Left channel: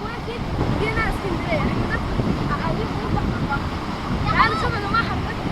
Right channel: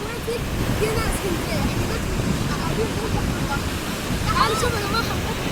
اخواتي جينا اسكندريه، احنا دلوقتي قاعدين فوق بحر البحر. تعالوا شوفوا يا جماعه حركاتنا.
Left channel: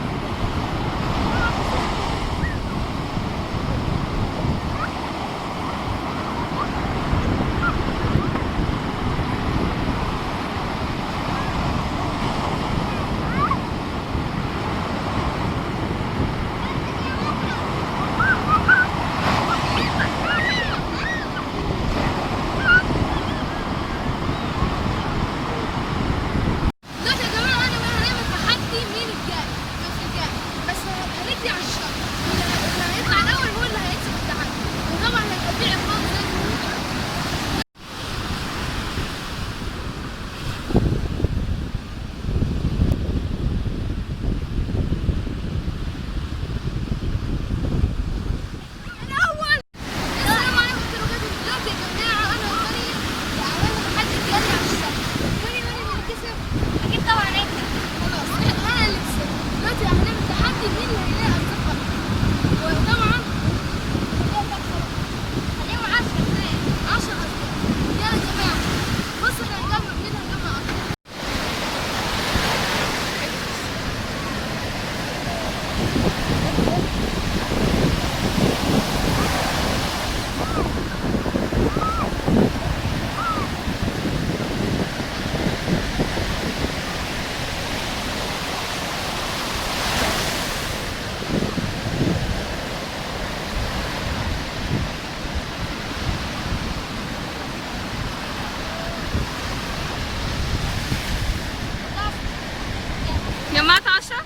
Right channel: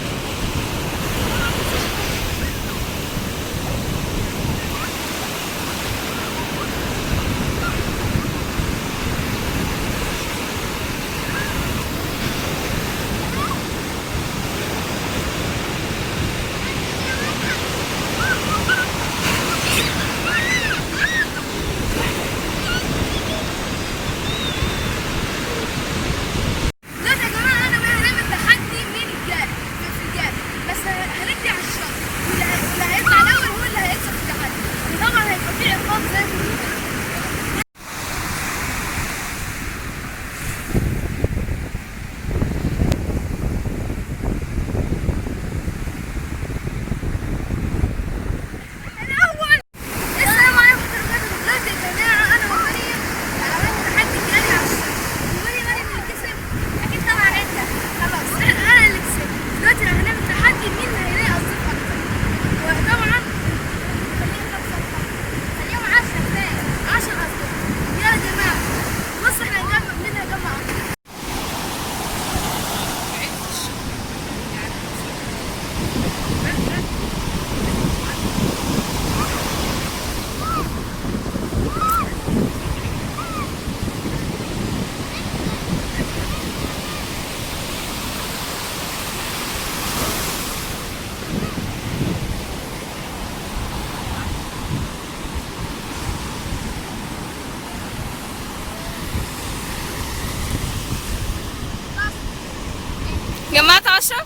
جمعت 10.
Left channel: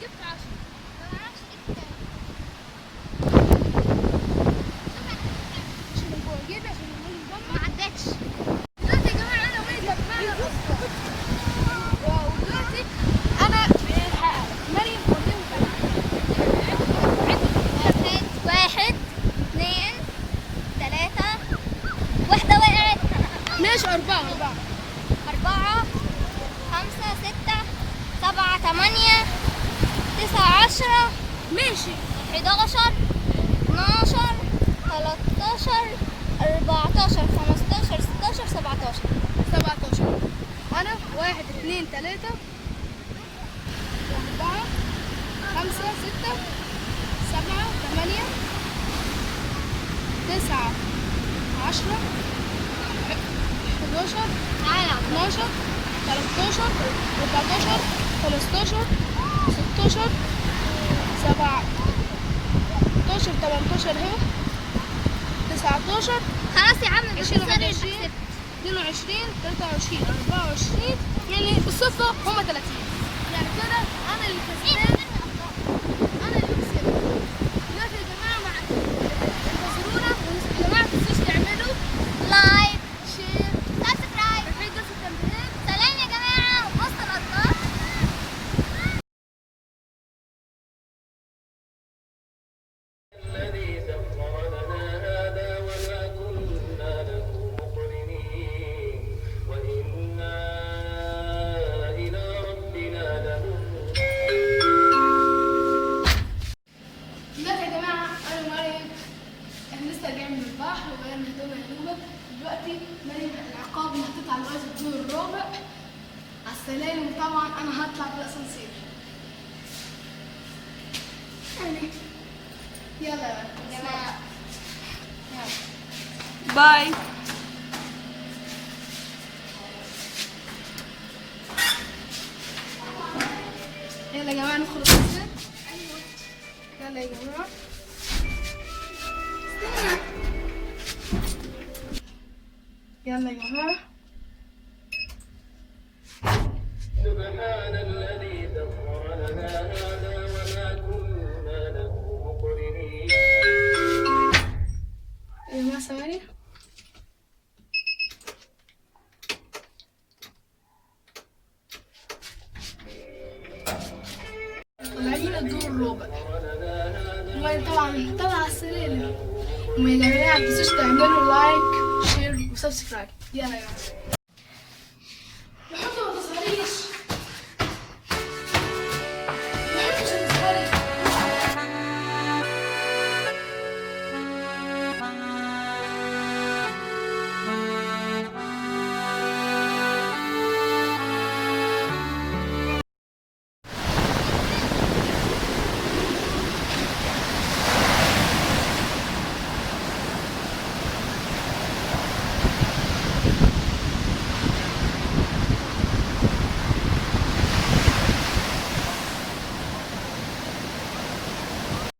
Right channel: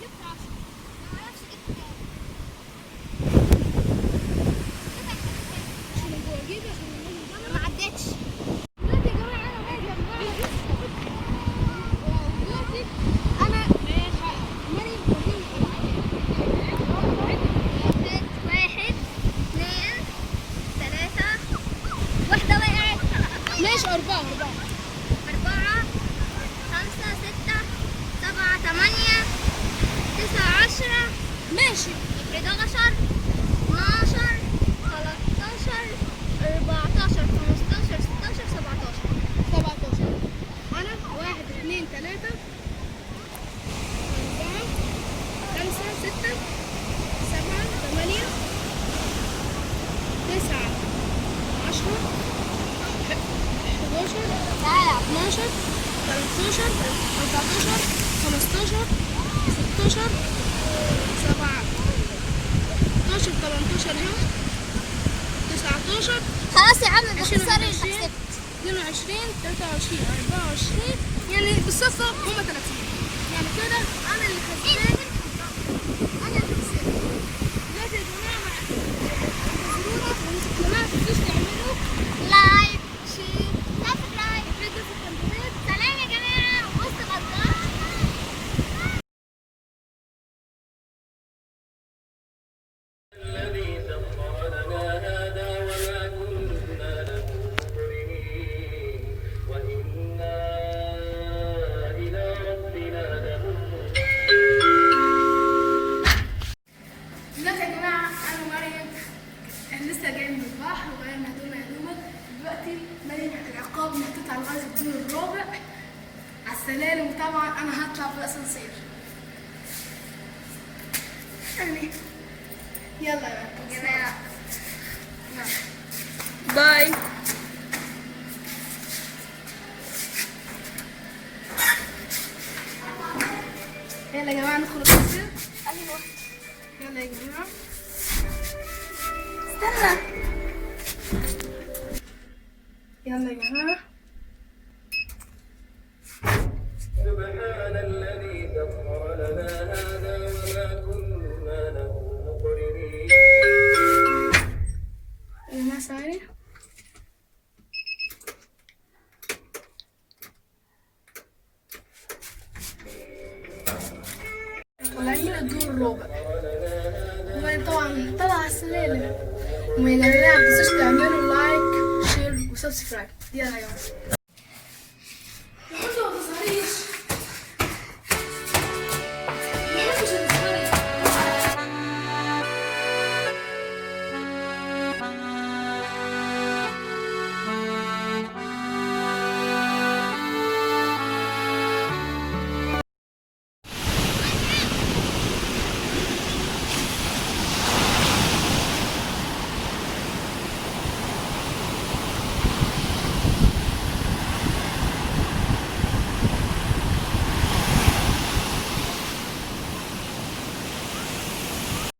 جبت 10. ما اعرفش جبت كام. ما عدتش. دلوقتي يا جماعه انا وائل جمعنا اصفار. ودلوقتي انا مريم وديهم واحد اثنين ثلاثة واحدة وقعت. ماشي 4. 4 5 6 7 8 9 10 ماشي 11 12 13 14 15 16 17. 17. أنا 1 2 3 4 5 6 7 8 9 10 11 12 13 14 15 16 17 18 اهو 19 خلاص يا عم 20 21 22 23 24 يعني بالصدفة هما 30. يعني كده أنا اللي كسبان. أنا اللي كسبت. دلوقتي يا جماعة انتظرونا، ويا جماعة متنسوش تعملوا لايك شير سبسكرايب وتفعلوا في التنبيهات. سلام يا جماعة، وسط الأخبار. الذي سخر لنا هذا وما كنا له مقرنين وإنا إلى ربنا لمنقلبون. دلوقتي يا جماعة أنا ومريم احنا لسه جايين من البحر وغيرنا هدومنا. دلوقتي مريم العقاب هتطلع لغاية الدور الرابع على السلالم، وطبعا أنا هطلع بالأسانسير. يعني يلا يا جماعة. باي. يلا يا جماعة ندخل الأسانسير. أيوه يلا يا جماعة. استنى. يلا يا جماعة. سبحان الذي سخر لنا هذا وما كنا له مقرنين. يا جماعة ثواني. طالعين الدور الرابع، وطبعا طلع على السلالم. ويا جماعة متنسوش تعملوا لايك شير وسبسكرايب. يلا يا جماعة.